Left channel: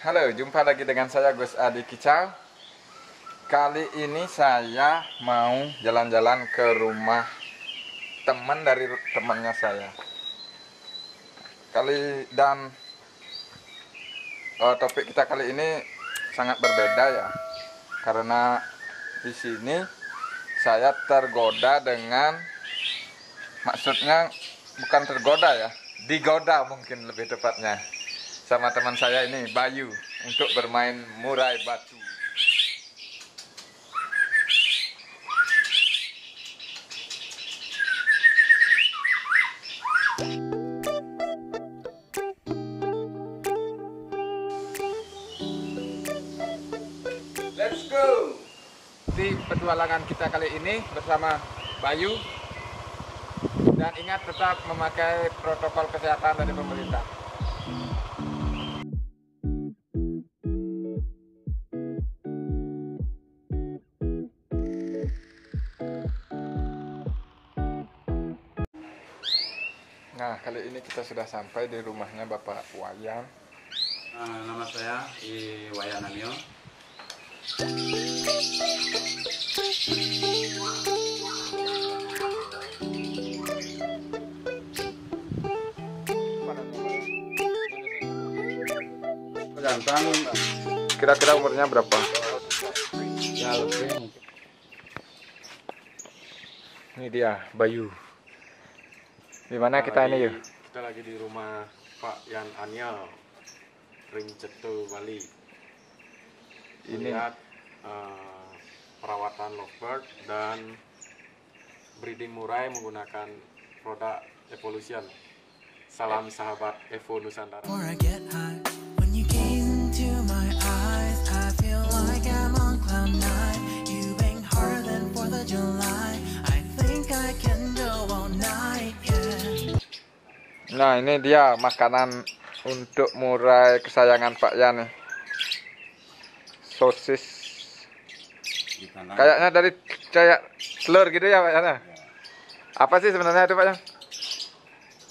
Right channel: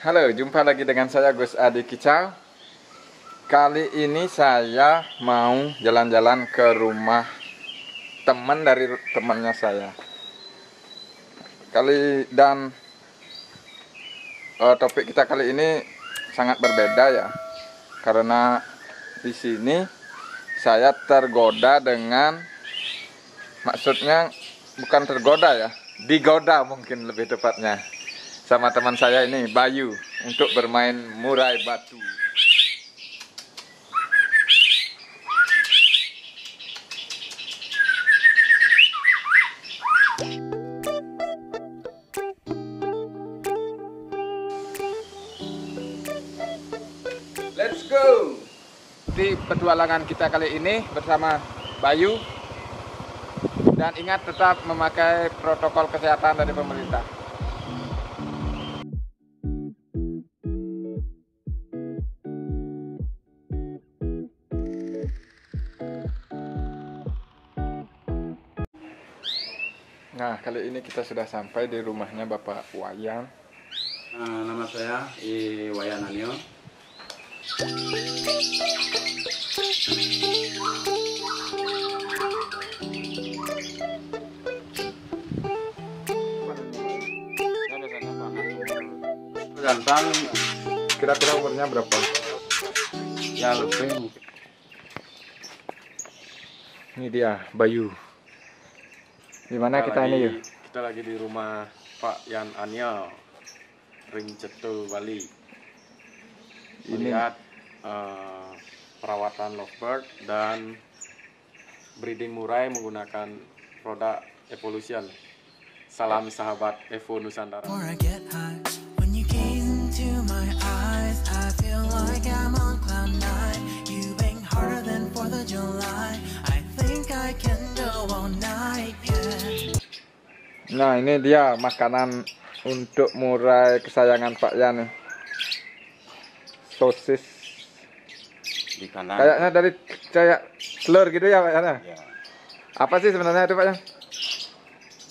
Halo, jumpa lagi dengan saya Gus Adi Kicau. Kali ini saya mau jalan-jalan ke rumah teman dari temannya saya. Topik kita kali ini sangat berbeda ya. Karena di sini saya tergoda dengan, maksudnya bukan tergoda ya, digoda mungkin lebih tepatnya, sama teman saya ini, Bayu, untuk bermain murai batu. Let's go! Di petualangan kita kali ini bersama Bayu. Dan ingat tetap memakai protokol kesehatan dari pemerintah. Nah, kali ini kita sudah sampai di rumahnya Bapak Wayan. Nama saya Wayan Anio. Kira-kira umurnya berapa? Ya lebih. Ini dia Bayu. Di mana kita ini yuk? Kita lagi di rumah Pak Yan Anio, Ring Cetul, Bali. Ini Lihat perawatan lovebird dan breeding murai menggunakan produk Evolution. Salam sahabat Evo Nusantara. Nah, ini dia makanan untuk murai kesayangan Pak Yan nih. Sosis. Di kanan. Kayaknya dari kayak telur gitu ya Pak Yan. Ya. Apa sih sebenarnya itu Pak Yan?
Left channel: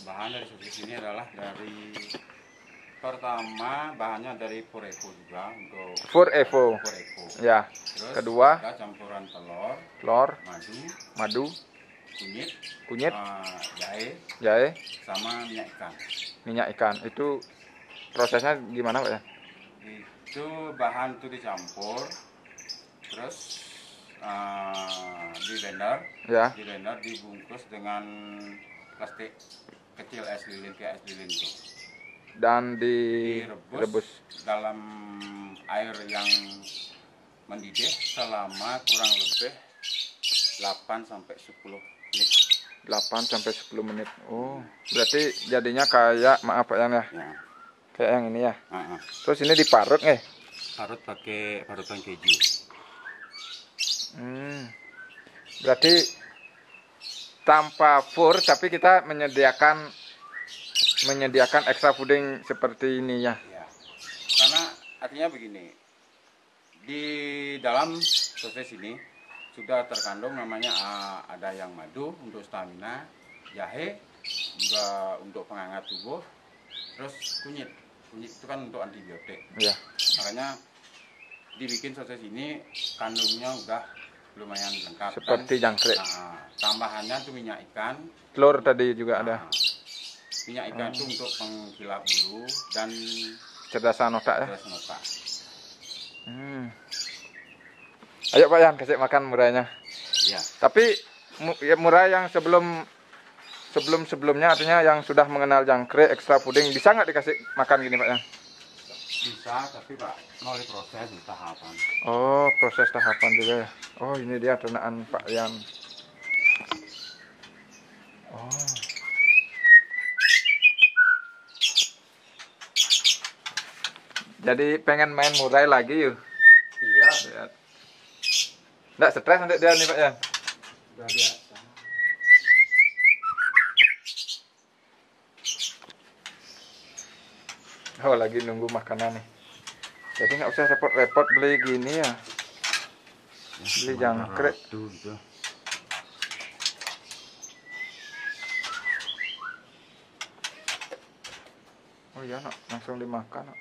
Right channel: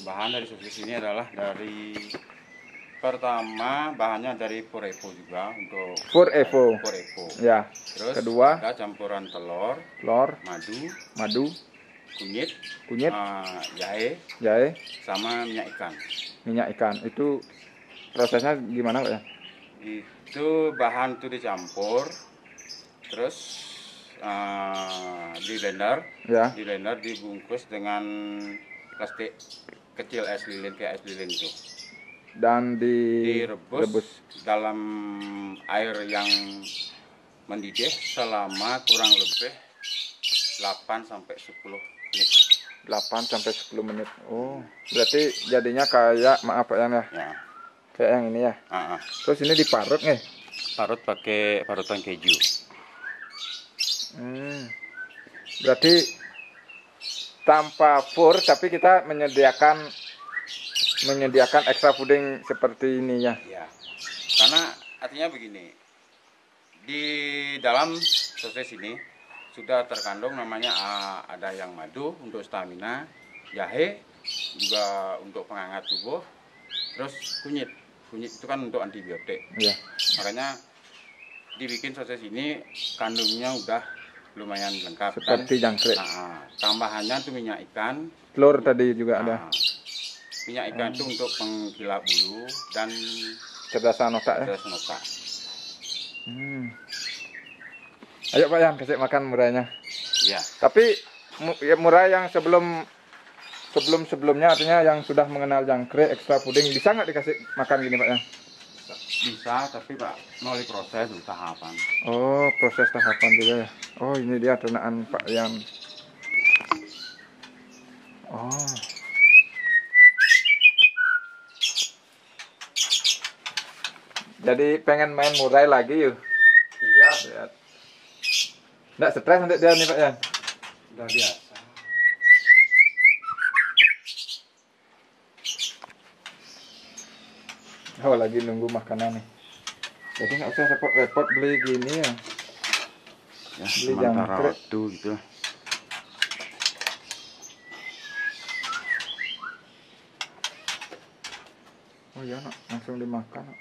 Bahan dari sosis ini adalah dari pertama bahannya dari Pur Evo juga untuk Pur Evo. Pur Evo. Ya. Terus Kedua, ada campuran telur, madu, kunyit, kunyit, jahe, jahe, sama minyak ikan. minyak ikan. Itu prosesnya gimana Pak Yan? Itu bahan itu dicampur, terus di blender, Ya. dibungkus dengan plastik kecil es lilin kayak es lilin itu. Dan Direbus dalam air yang mendidih selama kurang lebih 8 sampai 10 menit. 8 sampai 10 menit. Oh, berarti jadinya kayak, maaf Pak Yan ya. Ya. Kayak yang ini ya. Uh-uh. Terus ini diparut nih. Parut pakai parutan keju. Berarti tanpa pur, tapi kita menyediakan extra puding seperti ini ya. Ya. Karena artinya begini. Di dalam sosis ini sudah terkandung namanya ada yang madu untuk stamina, jahe juga untuk penghangat tubuh, terus kunyit itu kan untuk antibiotik. Iya. Makanya dibikin sosis ini kandungnya udah lumayan lengkap. Seperti jangkrik. Tambahannya tuh minyak ikan, Telur tadi juga ada. minyak ikan itu untuk pengkilap bulu dan Cerdasan otak ya. cerdasan otak. Ayo Pak Yan, kasih makan murainya. Ya. Tapi murai yang sebelumnya, artinya yang sudah mengenal jangkrik, ekstra puding, bisa nggak dikasih makan gini Pak Yan? Bisa, tapi Pak melalui proses tahapan. Oh, proses tahapan juga ya. Oh, ini dia ternakan Pak Yan. Oh. Jadi pengen main murai lagi yuk. Iya. Lihat. Nggak stres untuk dia nih Pak Yan? Udah biasa. Oh, lagi nunggu makanan nih. Jadi nggak usah repot-repot beli gini ya. Beli jangkrik. Gitu. Oh iya nak, langsung dimakan nak.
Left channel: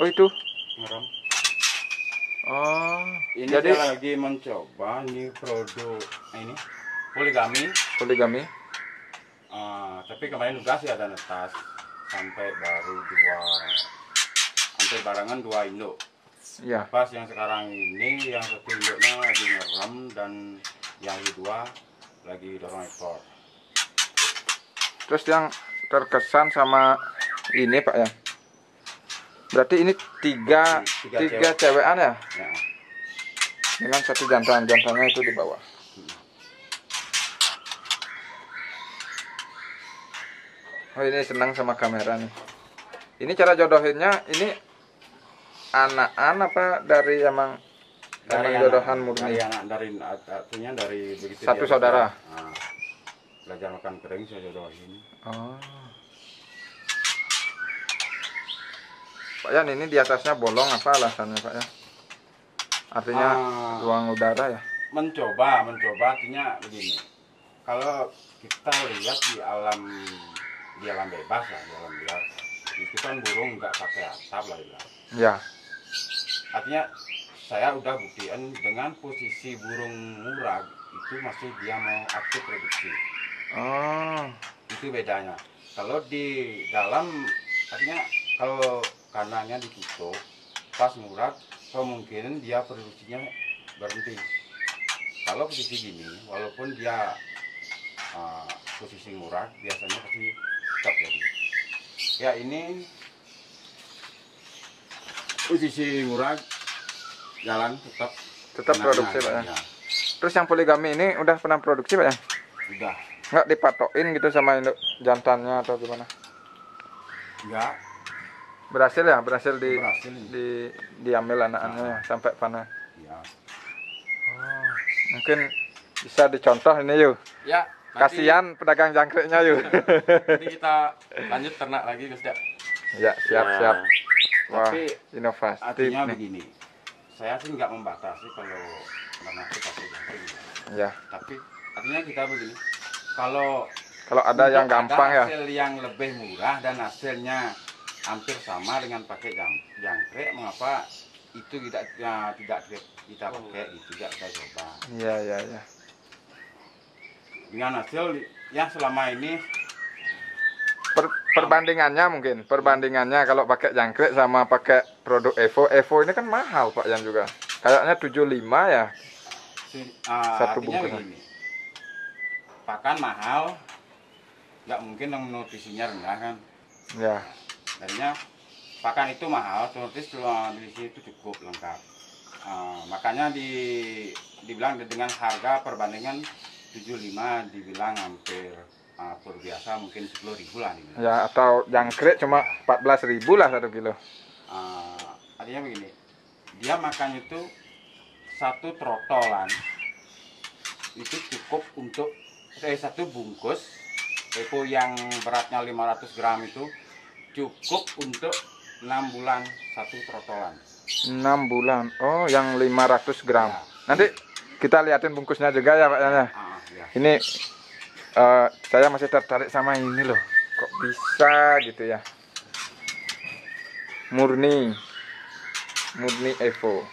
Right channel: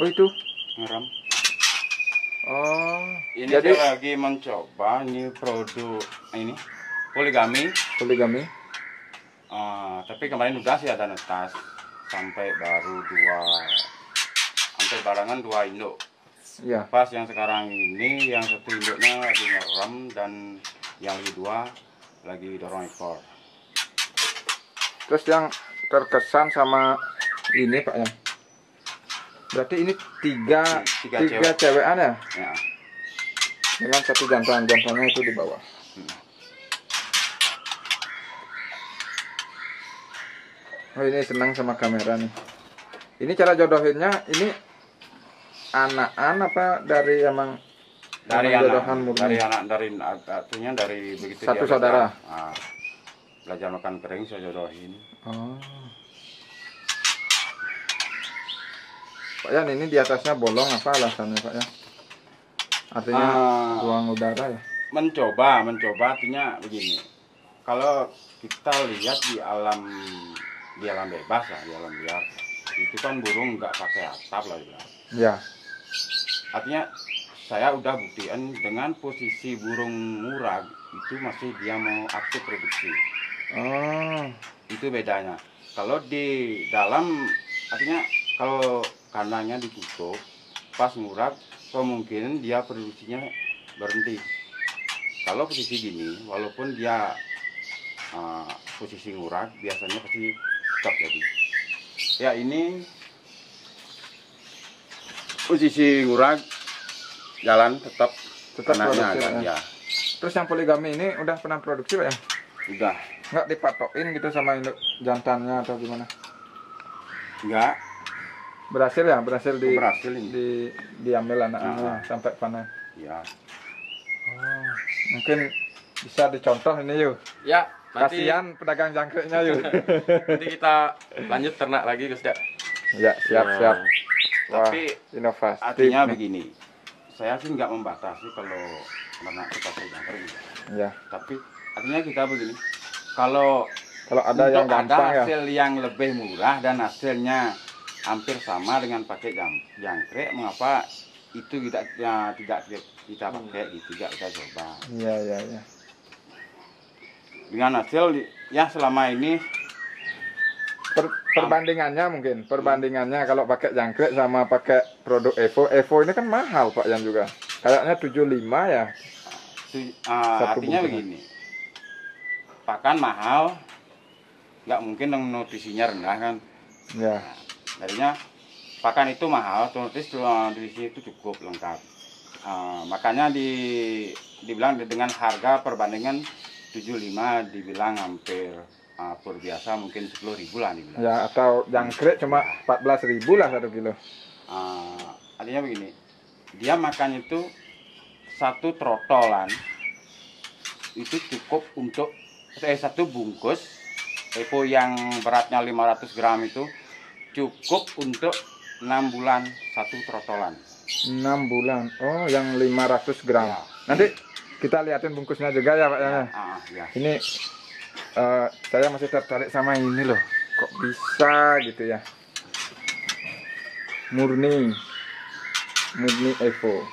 Oh itu. Ngeram. Oh. Ini Jadi saya lagi mencoba ini produk ini poligami. poligami. Tapi kemarin udah sih ada netas sampai baru sampai barangan 2 induk. Iya. Pas yang sekarang ini yang satu induknya lagi ngeram dan yang kedua lagi dorong ekor. Terus yang terkesan sama ini Pak ya. Berarti ini tiga cewekan ya? Ya. Dengan satu jantan-jantannya itu di bawah. Oh ini senang sama kamera nih. Ini cara jodohinnya ini anakan apa dari emang jodohan murni? Dari begitu Satu dia saudara. Belajar makan kering saya jodohin. Oh. Pak Yan, ini di atasnya bolong apa alasannya Pak ya? Artinya ruang udara ya? Mencoba artinya begini. Kalau kita lihat di alam bebas lah, di alam liar, itu kan burung nggak pakai atap lah bilang. Ya. Artinya saya udah buktiin dengan posisi burung murag itu masih dia mau aktif produksi. Oh. Itu bedanya. Kalau di dalam artinya kalau kandangnya ditutup pas murag kemungkinan dia produksinya berhenti. Kalau posisi gini walaupun dia posisi murag biasanya pasti tetap jadi. Ya ini posisi murag jalan tetap produksi Pak ya. Ya. Terus yang poligami ini udah pernah produksi Pak ya? Udah. Nggak dipatokin gitu sama induk jantannya atau gimana? Enggak. Berhasil ya? Berhasil diambil anak-anaknya sampai panen? Ya. Oh, mungkin bisa dicontoh ini yuk. Ya, nanti, kasihan pedagang jangkriknya yuk. nanti kita lanjut ternak lagi Gus Ya. Ya, siap. Wah, Tapi inovasi. artinya nih. begini, saya sih nggak membatasi kalau ternak itu pakai jangkrik. Ya. Tapi artinya kita begini, kalau ada yang gampang ada ya. hasil yang lebih murah dan hasilnya hampir sama dengan pakai jangkrik, mengapa itu tidak kita pakai, tidak kita coba. Iya. Dengan hasil ya selama ini perbandingannya kalau pakai jangkrik sama pakai produk Evo ini kan mahal Pak Yan juga. Kayaknya 75 ya. Artinya begini, pakan mahal, nggak mungkin yang nutrisinya rendah kan. Ya. Darinya pakan itu mahal, nutrisi itu cukup lengkap. Makanya dibilang dengan harga perbandingan 75 dibilang hampir pur biasa mungkin 10.000 lah dibilang. Ya, atau jangkrik cuma 14.000 lah 1 kilo. Artinya begini, dia makan itu satu trotolan itu cukup untuk satu bungkus Evo yang beratnya 500 gram itu cukup untuk 6 bulan satu trotolan. 6 bulan. Oh, yang 500 gram. Ya. Nanti kita liatin bungkusnya juga ya Pak Yan. Ya. Ini saya masih tertarik sama ini loh. Kok bisa gitu ya? Murni Evo.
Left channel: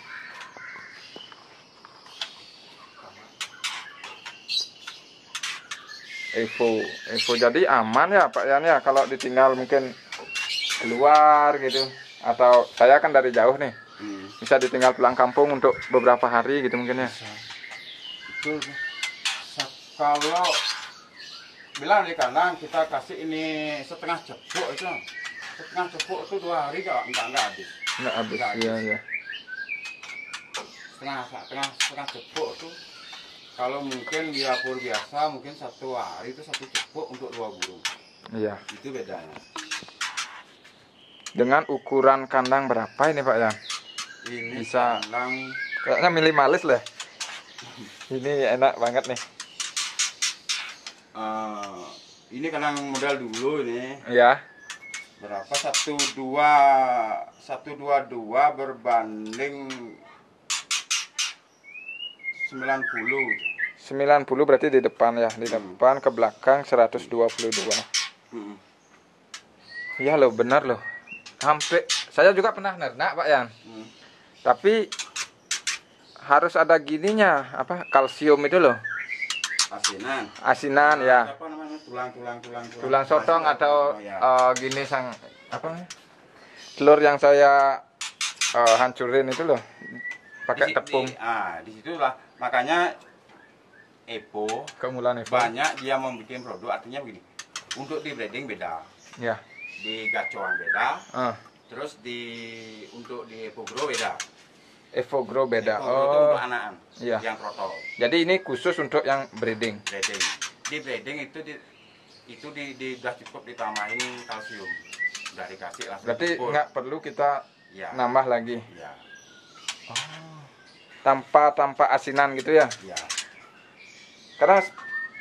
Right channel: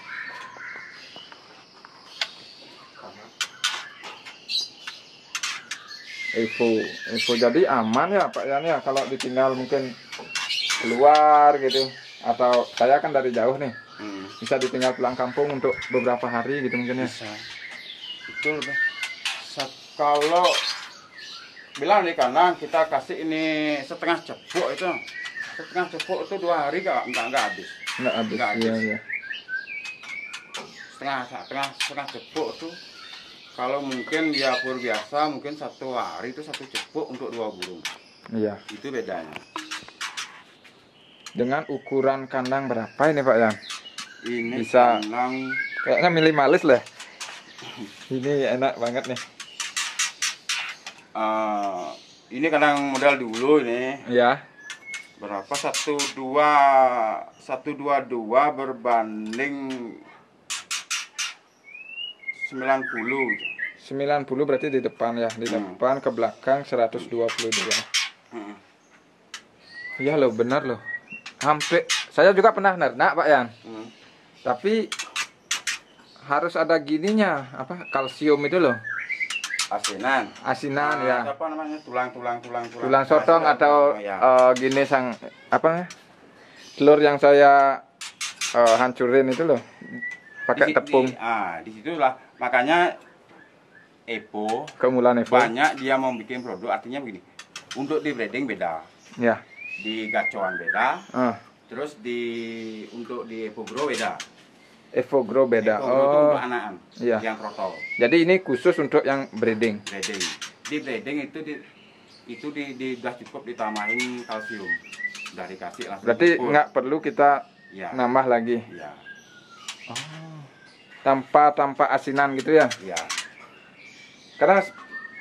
Evo jadi aman ya Pak Yan ya kalau ditinggal mungkin keluar gitu, atau saya kan dari jauh nih, bisa ditinggal pulang kampung untuk beberapa hari gitu mungkin ya. Betul. Kalau bilang di kandang kita kasih ini setengah cepuk itu 2 hari nggak habis. Nggak habis. Iya. Setengah cepuk tuh kalau mungkin dia pur biasa mungkin 1 hari itu 1 cepuk untuk 2 burung. Iya. Itu bedanya. Dengan ukuran kandang berapa ini Pak Yan? Ini bisa kandang kayaknya minimalis lah. Ini enak banget nih. Ini kandang model dulu ini. Ya. Berapa? 122 berbanding 90 berarti di depan ya, di depan ke belakang 122. Iya loh, benar loh. saya juga pernah nernak Pak Yan. Hmm. Tapi harus ada gininya, apa? Kalsium itu loh. Asinan ya. Apa namanya? Tulang sotong atau ya. gini apa namanya? Telur yang saya hancurin itu loh. Pakai tepung. Di situlah makanya Epo Keunggulan Evo. banyak dia mau bikin produk, artinya begini. Untuk di breeding beda. Ya. Di gacoan beda. Terus untuk di Evo Grow beda. Evo Grow beda. Evo Grow itu untuk anakan. Iya. Yang protol. Jadi ini khusus untuk yang breeding. Breeding. Di breeding itu udah cukup ditambahin kalsium. Udah dikasih langsung. Berarti full. nggak perlu kita Ya. nambah lagi. Ya. Tanpa asinan gitu ya. Ya. Karena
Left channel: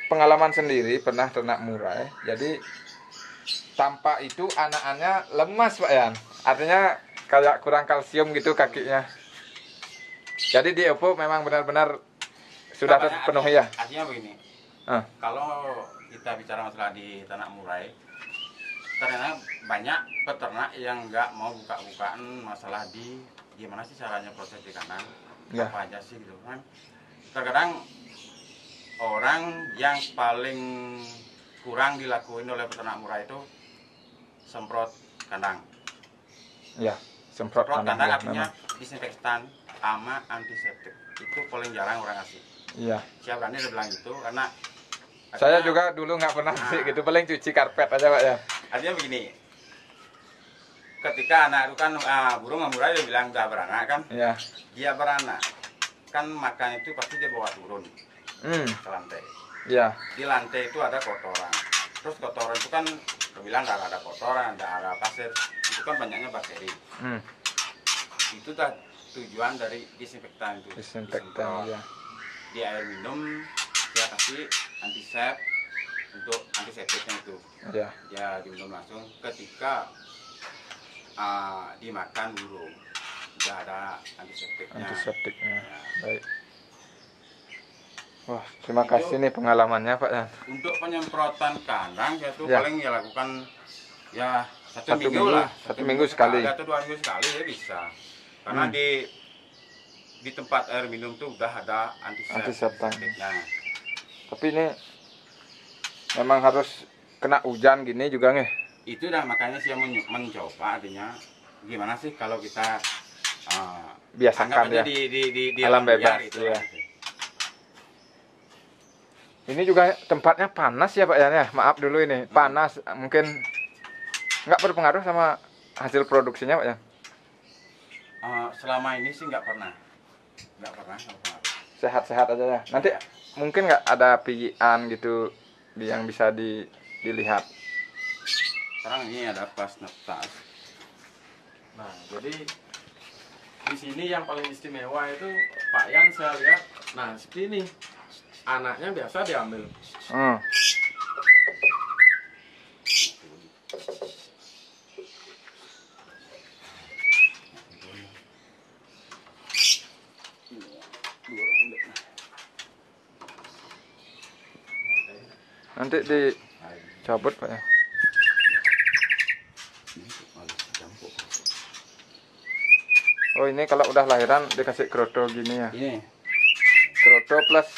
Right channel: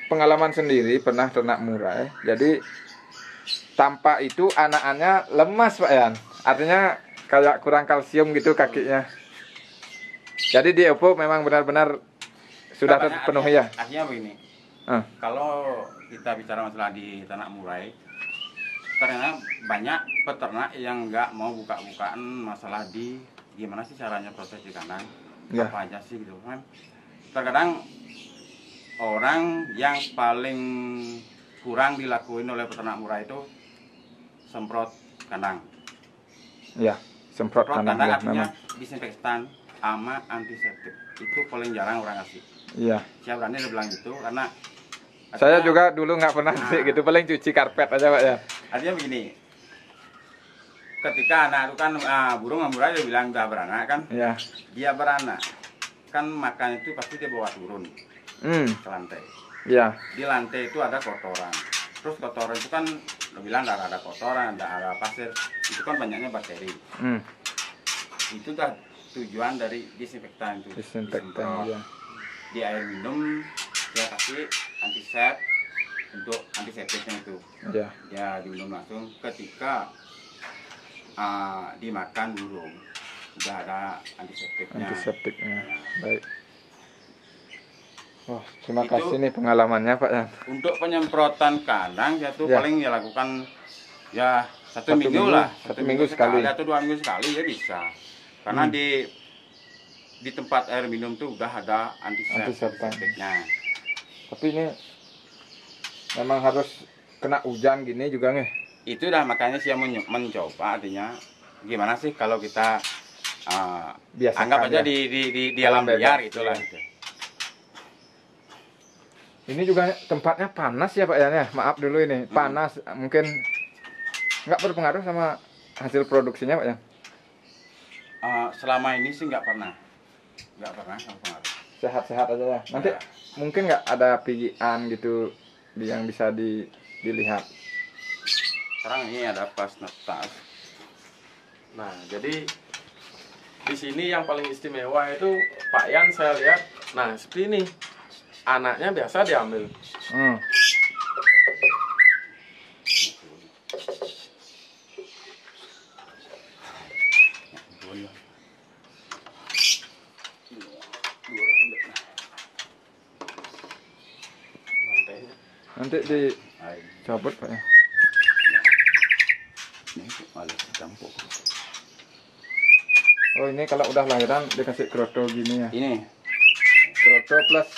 pengalaman sendiri pernah ternak murai. Jadi tanpa itu anakannya lemas Pak Yan. Artinya kayak kurang kalsium gitu kakinya. Jadi di Evo memang benar-benar sudah terpenuhi ya. Artinya begini. Kalau kita bicara masalah di ternak murai, ternyata banyak peternak yang nggak mau buka-bukaan masalah di gimana sih caranya proses di kandang, apa aja sih gitu kan. Terkadang orang yang paling kurang dilakuin oleh peternak murai itu semprot kandang. Ya, semprot kandang ya, artinya memang. disinfektan sama antiseptik. Itu paling jarang orang kasih. Iya. Siapa berani bilang itu karena saya juga dulu nggak pernah sih gitu, paling cuci karpet aja Pak ya. Artinya begini, ketika anak itu kan burung murai dia bilang udah beranak kan, Iya. dia beranak kan makan itu pasti dia bawa turun ke lantai. Iya. Di lantai itu ada kotoran, terus kotoran itu kan dia bilang ada kotoran, ada pasir, itu kan banyaknya bakteri. Itu dah tujuan dari disinfektan itu. Disinfektan ya. Di air minum dia kasih antisep untuk antiseptiknya itu. Ya. Dia diminum langsung ketika dimakan burung udah ada antiseptiknya. Antiseptiknya. Ya. Baik. Wah, terima kasih nih pengalamannya Pak ya. Untuk penyemprotan kandang ya tuh paling ya lakukan ya satu Satu minggu lah. Satu minggu sekali. Atau 2 minggu sekali ya bisa. Karena di tempat air minum tuh udah ada antiseptiknya. Tapi ini memang harus kena hujan gini juga nih. Itu dah makanya saya mencoba, artinya gimana sih kalau kita biasakan anggap aja ya. di alam liar itulah. Ya. Ini juga tempatnya panas ya Pak ya. Maaf dulu ini panas, mungkin nggak berpengaruh sama hasil produksinya Pak ya. Selama ini sih nggak pernah berpengaruh. Sehat-sehat aja ya. Nanti mungkin nggak ada pijian gitu yang bisa dilihat. Sekarang ini ada pas netas. Nah, jadi di sini yang paling istimewa itu Pak Yan saya lihat. Nah, seperti ini. Anaknya biasa diambil. Nanti dicabut Pak ya. Oh ini kalau udah lahiran dikasih kroto gini ya. Ini Kroto plus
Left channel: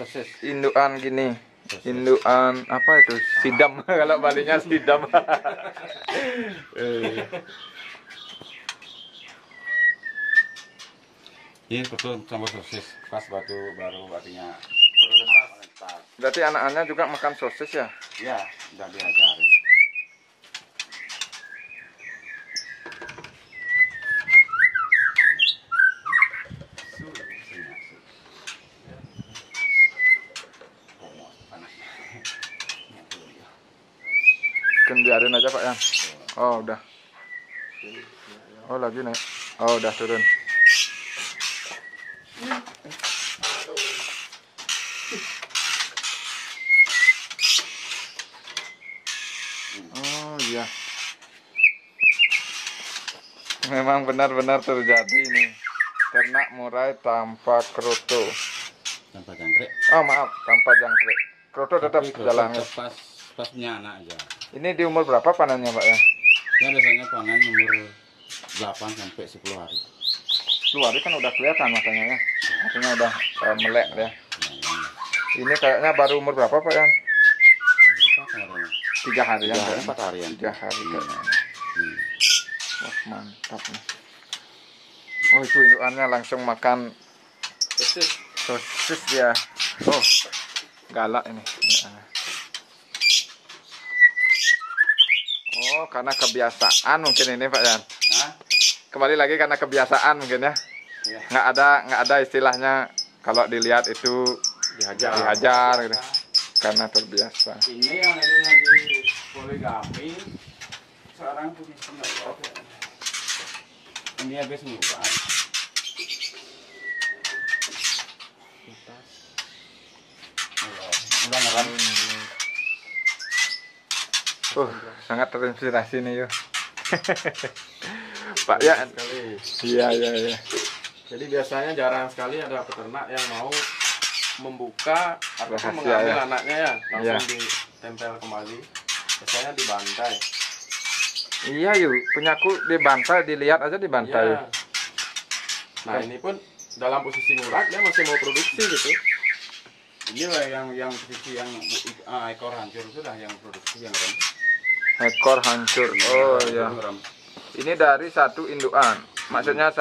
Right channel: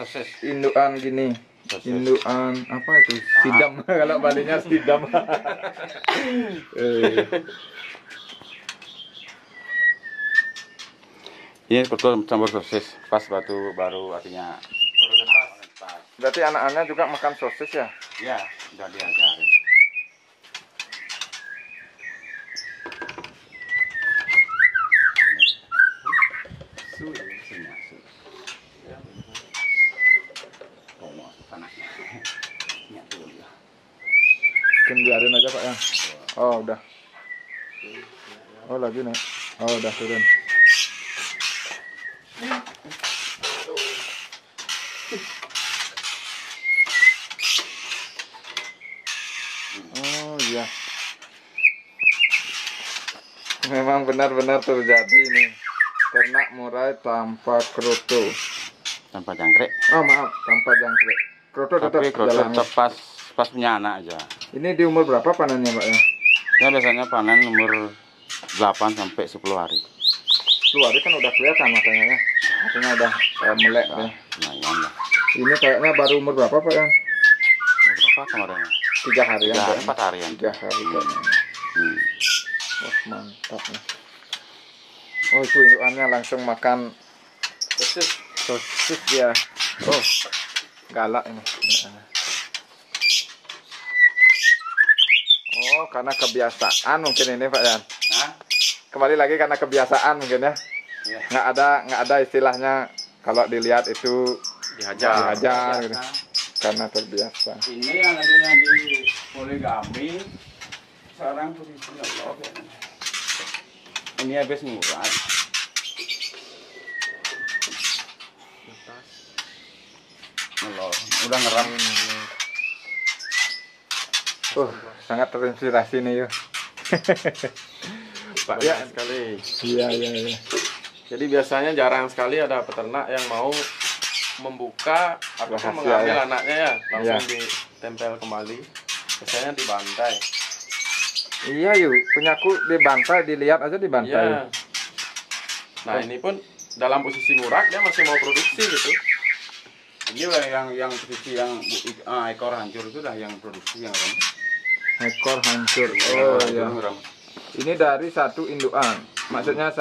sosis. indukan gini. Indukan apa itu? Sidam. Kalau balinya sidam. Ini betul campur sosis. Pas batu baru artinya Baru netas. Berarti anak-anaknya juga makan sosis ya? Ya, udah diajarin. Biarin aja Pak ya. Oh udah. Oh lagi nih. Oh udah turun. Oh iya. Memang benar-benar terjadi ini. Ternak murai tanpa kroto. Tanpa jangkrik. Oh maaf, tanpa jangkrik. Kroto tetap jalan. Pas punya anak aja. Ini di umur berapa panennya Pak ya? Ya biasanya panen umur 8 sampai 10 hari. Keluar kan udah kelihatan matanya ya. Matanya udah melek ya. Lumayan lah. Ini kayaknya baru umur berapa Pak Yan? Berapa kemarin? 3 harian. 4 harian. 3 hari kayaknya. Hmm. Wah mantap nih. Oh itu indukannya langsung makan sosis ya. Oh galak ini. Oh karena kebiasaan mungkin ini Pak Yan. Nah, Kembali lagi karena kebiasaan mungkin ya. ya. Nggak ada istilahnya kalau dilihat itu dihajar gitu. Karena terbiasa. Ini yang adanya di poligami sekarang posisinya Allah. Ini habis murah. Melor. Udah ngeram. Sangat terinspirasi nih yuk. Pak ya Sekali. iya. Jadi biasanya jarang sekali ada peternak yang mau membuka atau Rahasia, mengambil ya. anaknya ya langsung Iya. ditempel kembali. Biasanya dibantai. Iya yuk, punyaku dibantai, dilihat aja dibantai. Iya. Nah ini pun dalam posisi murak dia masih mau produksi gitu. Inilah yang posisi yang ekor hancur itu lah yang produksi yang ini. Ekor hancur. Oh iya. Ini dari satu indukan. Maksudnya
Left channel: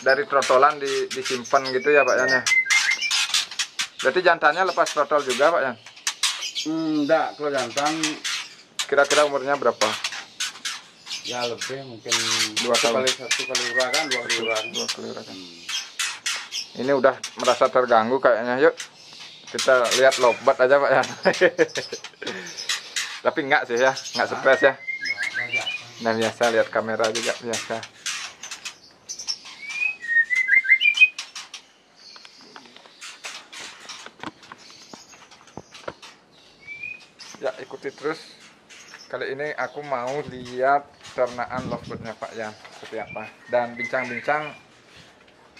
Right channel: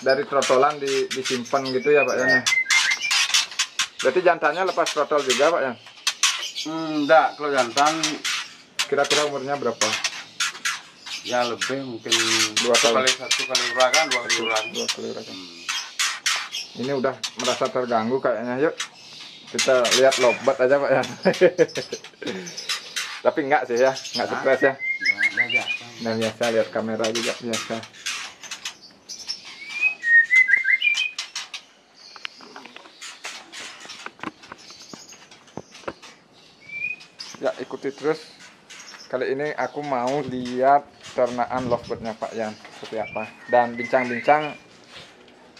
dari trotolan disimpan gitu ya Pak Yan ya. Berarti jantannya lepas trotol juga Pak Yan. Enggak, kalau jantan Kira-kira umurnya berapa? ya lebih mungkin 2 tahun. satu kali urakan, 2 kali urakan. 2 kali urakan. Ini udah merasa terganggu kayaknya. Yuk kita lihat lobat aja Pak Yan. Tapi enggak sih ya, enggak stres ya. Udah biasa. Nah biasa lihat kamera juga biasa. Ya ikuti terus. Kali ini aku mau lihat ternaan lovebird-nya Pak Yan seperti apa. Dan bincang-bincang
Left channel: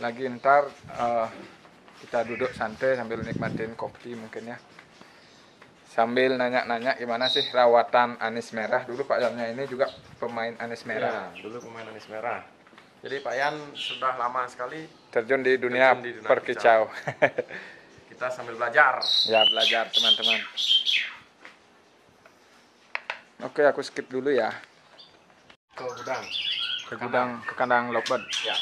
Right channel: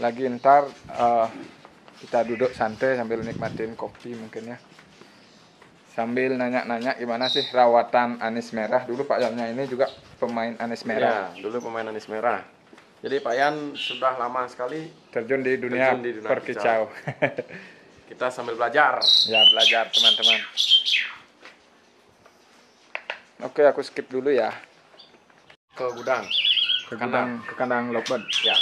lagi ntar kita duduk santai sambil nikmatin kopi mungkin ya. Sambil nanya-nanya gimana sih rawatan anis merah. Dulu Pak Yannya ini juga pemain anis merah. Ya, dulu pemain anis merah. Jadi Pak Yan sudah lama sekali Terjun di dunia, perkicau. kita sambil belajar. Ya belajar teman-teman. Oke aku skip dulu ya. Ke gudang. Ke kandang lovebird. Ya.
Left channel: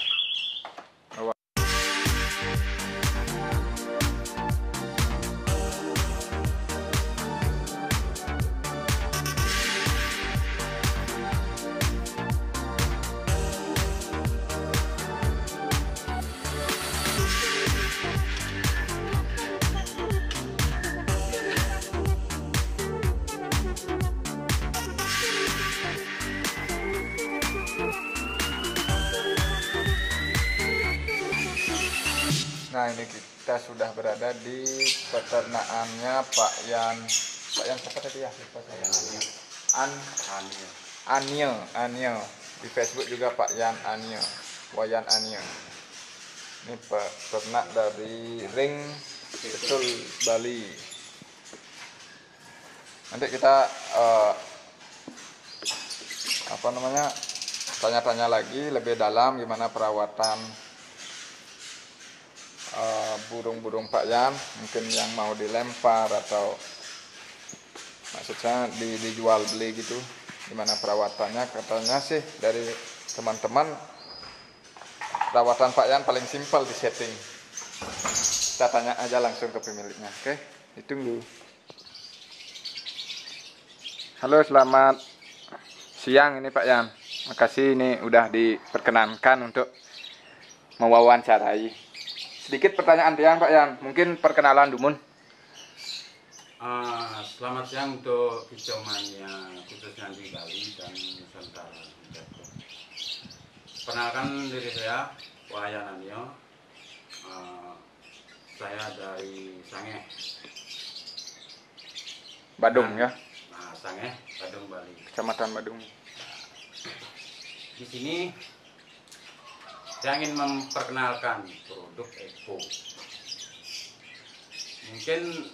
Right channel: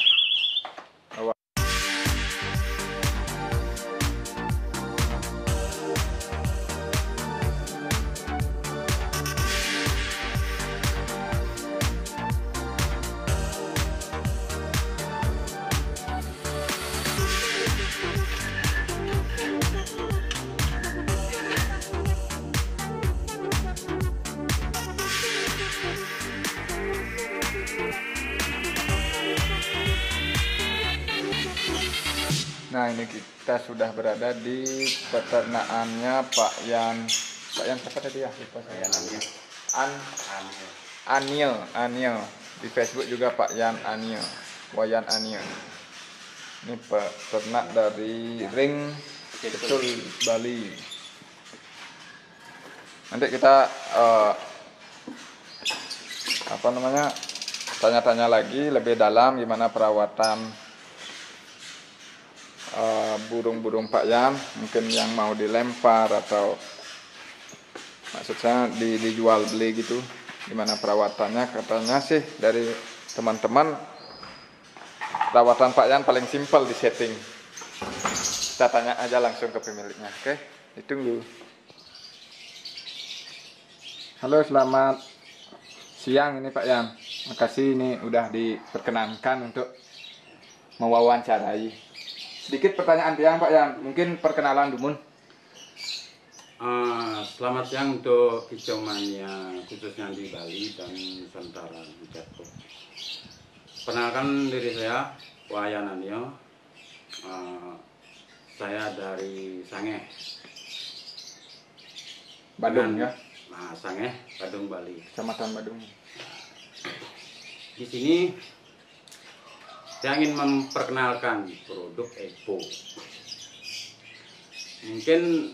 Nah ini kita sudah berada di peternakannya Pak Yan. Pak Yan siapa tadi ya? Lupa saya. Anil. Di Facebook juga Pak Yan Anil. Wayan Anil. Ini peternak dari Ring Kecul Bali. Nanti kita tanya-tanya lagi lebih dalam gimana perawatan burung-burung Pak Yan, mungkin yang mau dilempar atau maksudnya dijual beli gitu, gimana perawatannya. Katanya sih dari teman-teman perawatan Pak Yan paling simpel di setting. Kita tanya aja langsung ke pemiliknya. Oke, ditunggu. Halo, selamat siang ini Pak Yan. Makasih ini udah diperkenankan untuk mewawancarai. Sedikit pertanyaan tiang Pak Yan, mungkin perkenalan Dumun. Selamat siang untuk kicau mania khususnya di Bali dan Nusantara. Perkenalkan diri saya Wayan Anio. Saya dari Sangeh. Badung ya, Sangeh, Badung, Bali. Kecamatan Badung. Di sini saya ingin memperkenalkan produk Epo. Mungkin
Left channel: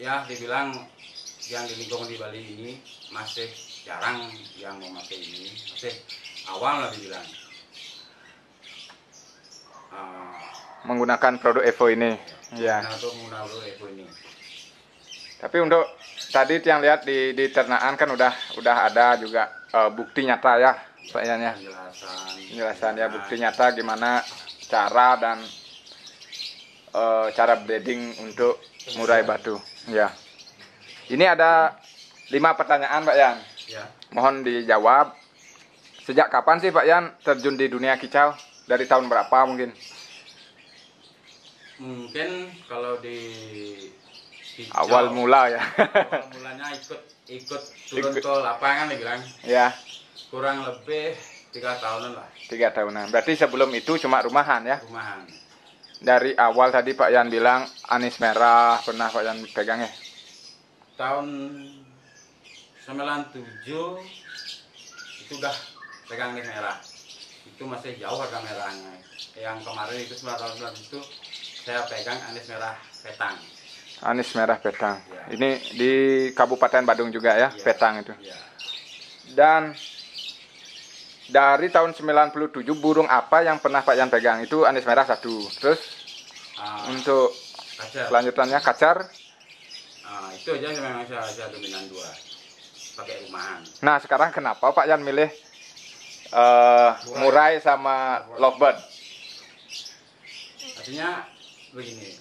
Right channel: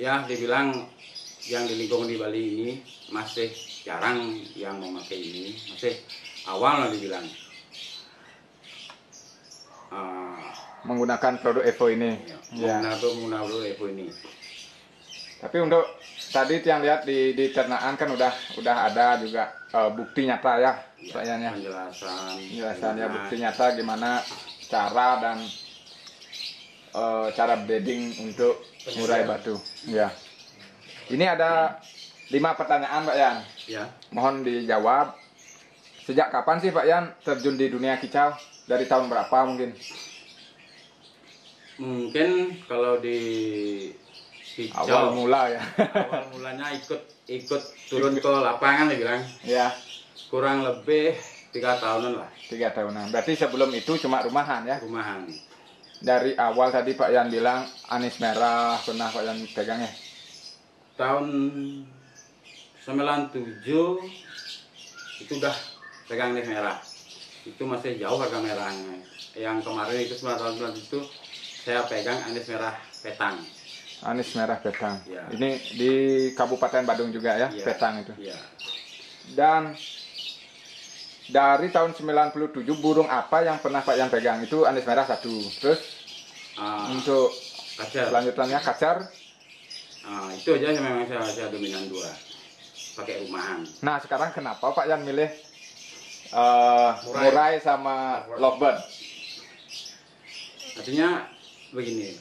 ya dibilang yang di lingkungan di Bali ini masih jarang yang memakai ini, masih awal lah dibilang. menggunakan produk Evo ini. Ya. Menggunakan produk Evo ini. Tapi untuk tadi yang lihat di ternakan kan udah ada juga bukti nyata ya, kayaknya. Penjelasan ya, bukti nyata gimana cara dan cara breeding untuk murai batu. Ya. Ini ada 5 pertanyaan Pak Yan. Ya. Mohon dijawab. Sejak kapan sih Pak Yan terjun di dunia kicau? Dari tahun berapa mungkin? Mungkin kalau di kicau, Awal mula ya. awal mulanya ikut turun ke lapangan bilang. Ya. Kurang lebih 3 tahunan lah. 3 tahunan. Berarti sebelum itu cuma rumahan ya? Rumahan. Dari awal tadi Pak Yan bilang anis merah pernah Pak Yan pegang ya? Tahun 97 itu udah pegang anis merah. Itu masih jauh harga merahnya. Yang kemarin itu 9 tahun itu saya pegang anis merah petang. Anis merah petang. Ya. Ini di Kabupaten Badung juga ya, Ya. petang itu. Ya. Dan dari tahun 97 burung apa yang pernah Pak Yan pegang? Itu anis merah 1. Terus untuk Kacar. selanjutannya kacar. Itu aja memang saya dominan 2. Pakai rumahan. Nah sekarang kenapa Pak Yan milih murai sama lovebird? Artinya begini,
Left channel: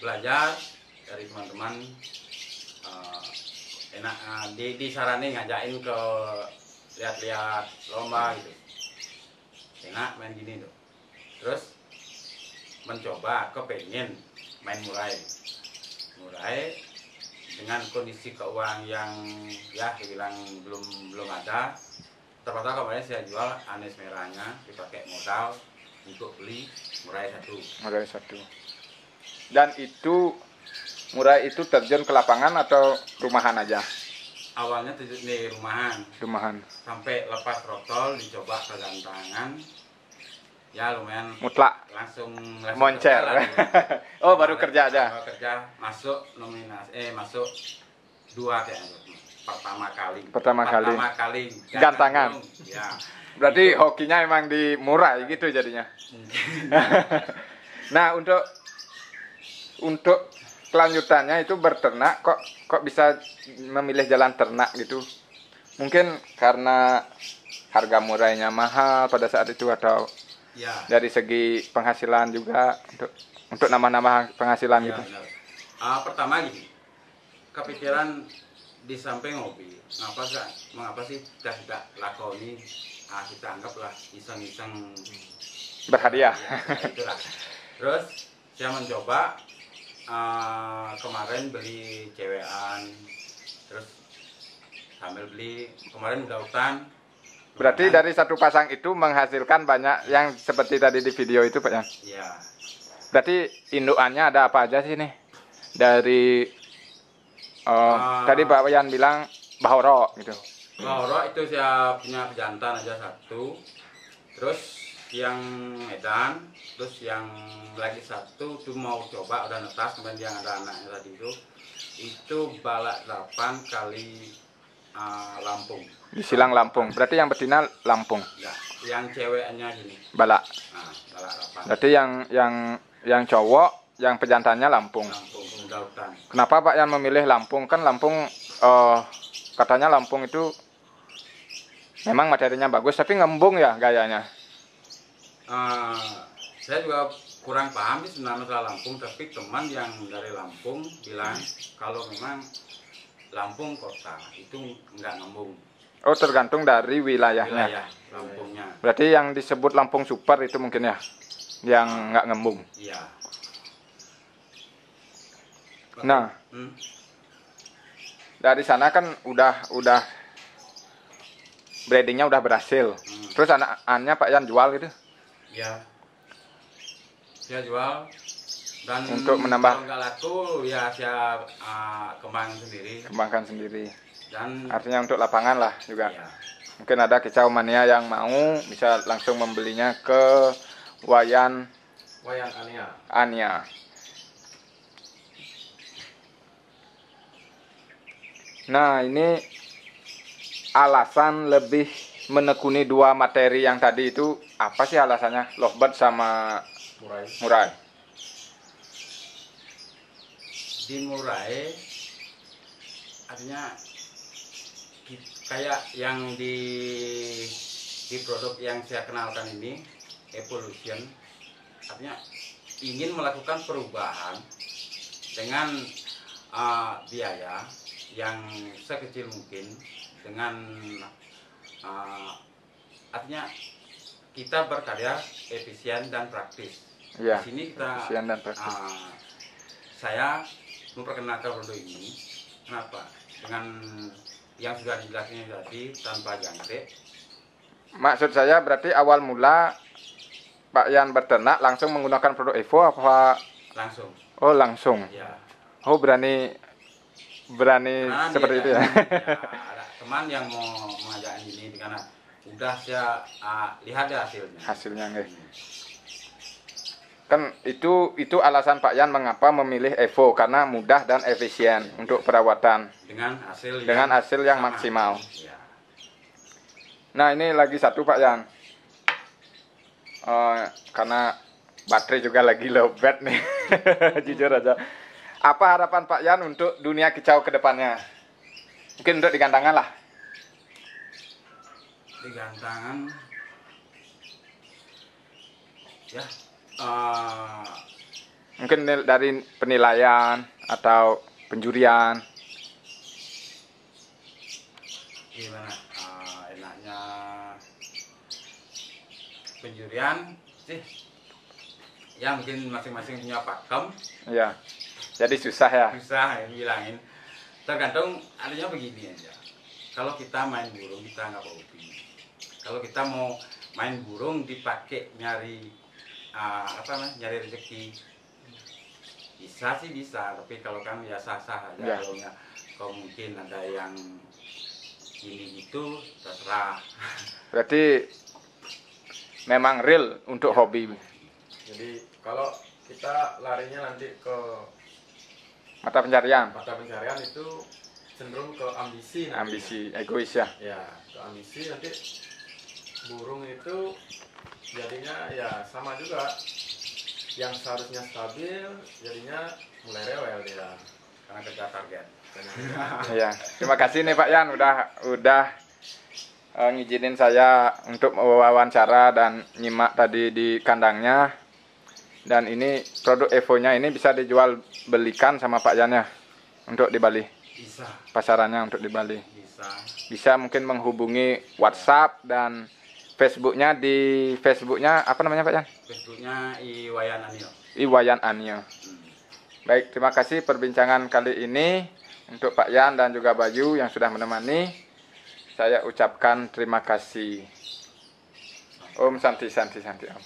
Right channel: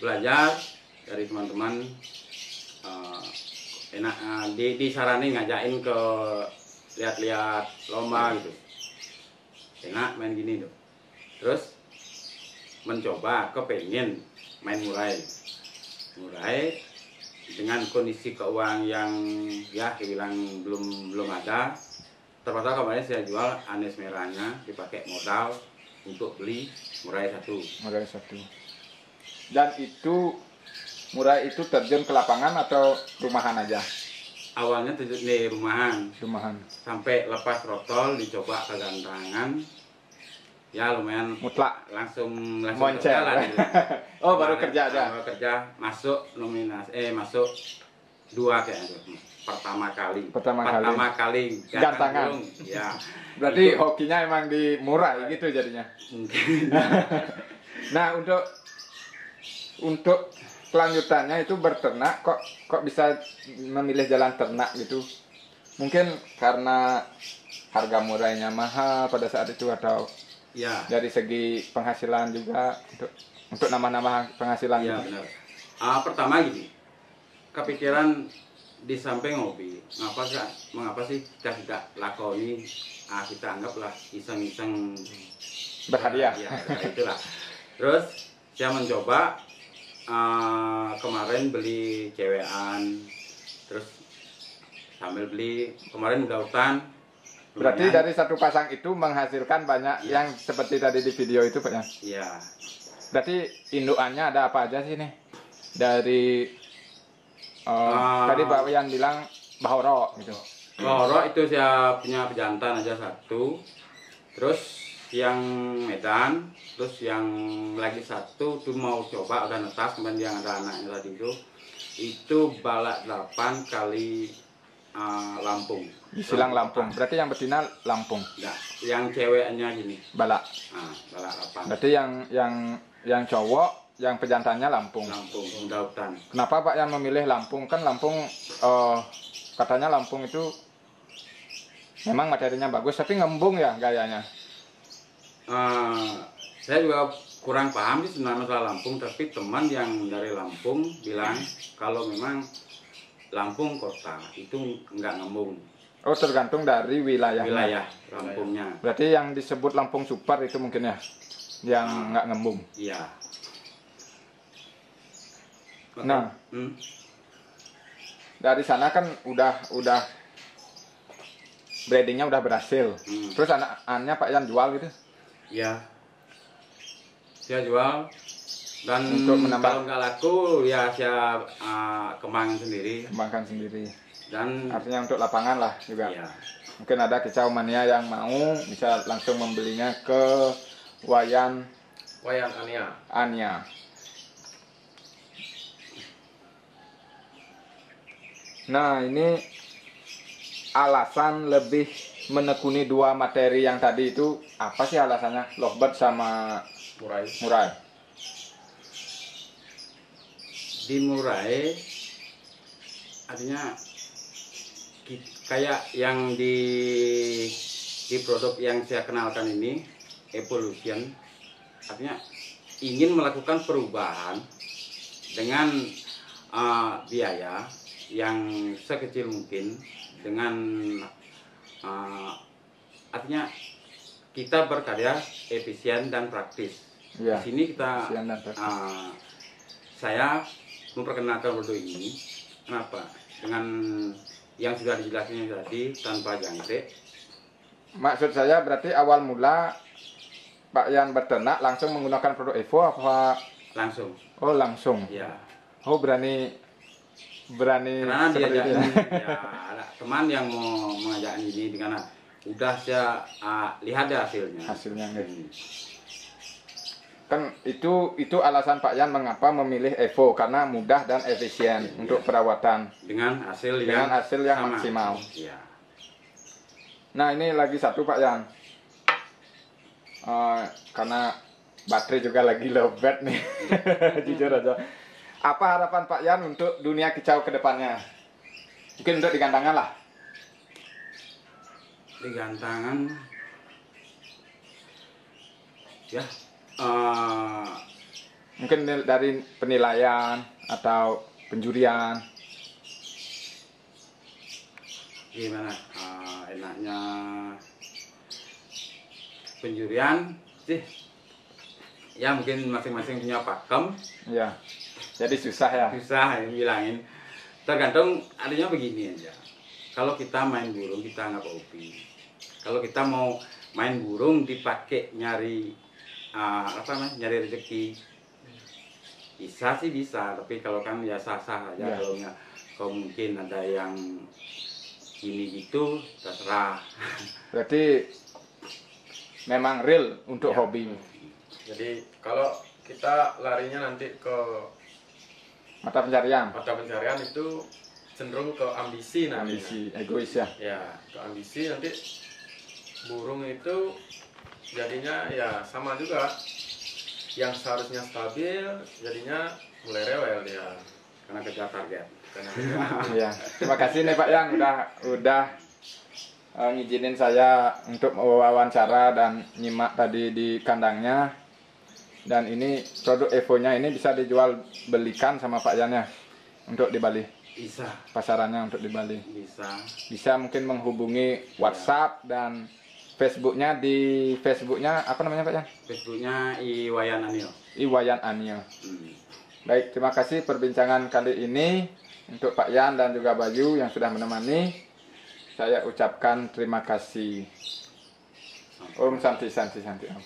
belajar dari teman-teman, enak disarani ngajain ke lihat-lihat lomba gitu, enak main gini tuh. Terus mencoba kepengen main murai dengan kondisi keuangan yang ya dibilang belum ada. Terpaksa kemarin saya jual anis merahnya, dipakai modal untuk beli murai 1. Murai 1. Dan itu murai itu terjun ke lapangan atau rumahan aja? Awalnya terjun di rumahan. Sampai lepas trotol dicoba ke gantangan. Ya lumayan Mutlak. langsung Moncer. kerja lah. Oh baru kerja aja. Baru kerja masuk nominasi masuk 2 kayaknya. Pertama kali gantangan. Ya. Berarti hokinya emang di murai gitu jadinya. Mungkin. Nah untuk kelanjutannya itu berternak kok bisa memilih jalan ternak gitu? Mungkin karena harga murainya mahal pada saat itu atau ya. Dari segi penghasilan juga untuk nama-nama penghasilan Ya gitu. benar. Pertama gini, kepikiran di samping hobi, mengapa sih kita tidak lakoni, kita anggaplah iseng-iseng Berhadiah. Ya, itulah. Terus saya mencoba kemarin beli cewekan, terus sambil beli kemarin udah hutan. Berarti dari satu pasang itu menghasilkan banyak Ya. yang seperti tadi di video itu Pak Yan. Iya. Berarti indukannya ada apa aja sih nih? Dari tadi Pak Yan bilang bahoro gitu. Bahoro itu saya punya pejantan aja 1. Terus yang Medan, terus yang lagi 1 tuh mau coba udah netas, kemudian yang ada anaknya tadi itu balak 8 kali Lampung. Di Silang Lampung. Berarti yang betina Lampung. Nah, yang ceweknya gini. Balak. Balak 8. Berarti yang cowok, yang pejantannya Lampung. Lampung, Pemuda Hutan. Kenapa Pak Yan memilih Lampung? Kan Lampung katanya Lampung itu memang materinya bagus, tapi ngembung ya gayanya. Saya juga kurang paham sih sebenarnya masalah Lampung, tapi teman yang dari Lampung bilang kalau memang Lampung kota itu nggak ngembung. Oh tergantung dari wilayahnya. Wilayah Lampungnya. Berarti yang disebut Lampung Super itu mungkin ya, yang nggak ngembung. Iya. Nah, dari sana kan udah breedingnya udah berhasil. Terus anak-anaknya Pak Yan jual gitu? Ya, saya jual. Dan untuk menambah, kalau nggak laku ya saya kembangkan sendiri. Dan artinya untuk lapangan lah juga. Iya. Mungkin ada kicau mania yang mau bisa langsung membelinya ke Wayan Ania. Nah ini alasan lebih menekuni 2 materi yang tadi itu apa sih alasannya? Lovebird sama Murai. Murai. Dimurai artinya kayak yang di produk yang saya kenalkan ini, Evolution, artinya ingin melakukan perubahan dengan biaya yang sekecil mungkin, dengan artinya kita berkarya efisien dan praktis. Ya, Di sini kita efisien dan praktis. saya memperkenalkan produk ini. Kenapa? Dengan yang sudah dijelaskan tadi, tanpa jangkrik. Maksud saya berarti awal mula Pak Yan berternak langsung menggunakan produk Evo apa? Langsung. Oh langsung. Ya. Oh berani Karena seperti itu ya. ya, ada teman yang mau mengajak ini dengan udah saya lihat deh hasilnya. Hasilnya guys. Kan itu alasan Pak Yan mengapa memilih Evo, karena mudah dan efisien untuk perawatan Dengan hasil dengan yang hasil yang sama. maksimal. Ya. Nah ini lagi satu Pak Yan, karena baterai juga lagi lowbat nih. Jujur aja, apa harapan Pak Yan untuk dunia kicau ke depannya? Mungkin untuk digantangan lah. Digantangan ya, Mungkin dari penilaian atau penjurian. gimana enaknya penjurian sih ya, mungkin masing-masing punya pakem, Ya, jadi susah ya. susah yang bilangin, tergantung. Artinya begini aja, kalau kita main burung kita nggak hobi, kalau kita mau main burung dipakai nyari nyari rezeki, bisa sih bisa, tapi kalau kan ya sah-sah aja. Ya. Kalau mungkin ada yang gini gitu, terserah. Berarti memang real untuk Ya. hobi. Jadi kalau kita larinya nanti ke Mata pencarian, mata pencarian itu cenderung ke ambisi nantinya. ambisi, egois ya. Ya, ke ambisi nanti burung itu jadinya ya sama juga. Yang seharusnya stabil jadinya mulai rewel dia. Karena kejar target. Ya, terima kasih nih Pak Yan udah ngizinin saya untuk wawancara dan nyimak tadi di kandangnya. Dan ini produk Evo-nya ini bisa dijual belikan sama Pak Yan ya untuk di Bali. Bisa, Pasarannya untuk di Bali. bisa. Bisa mungkin menghubungi WhatsApp dan Facebooknya. Di Facebooknya apa namanya Pak Yan? Facebooknya Iwayan Anil. Iwayan Anil. Baik, terima kasih perbincangan kali ini untuk Pak Yan dan juga Bayu yang sudah menemani. Saya ucapkan terima kasih. Om Santi Santi Santi Om.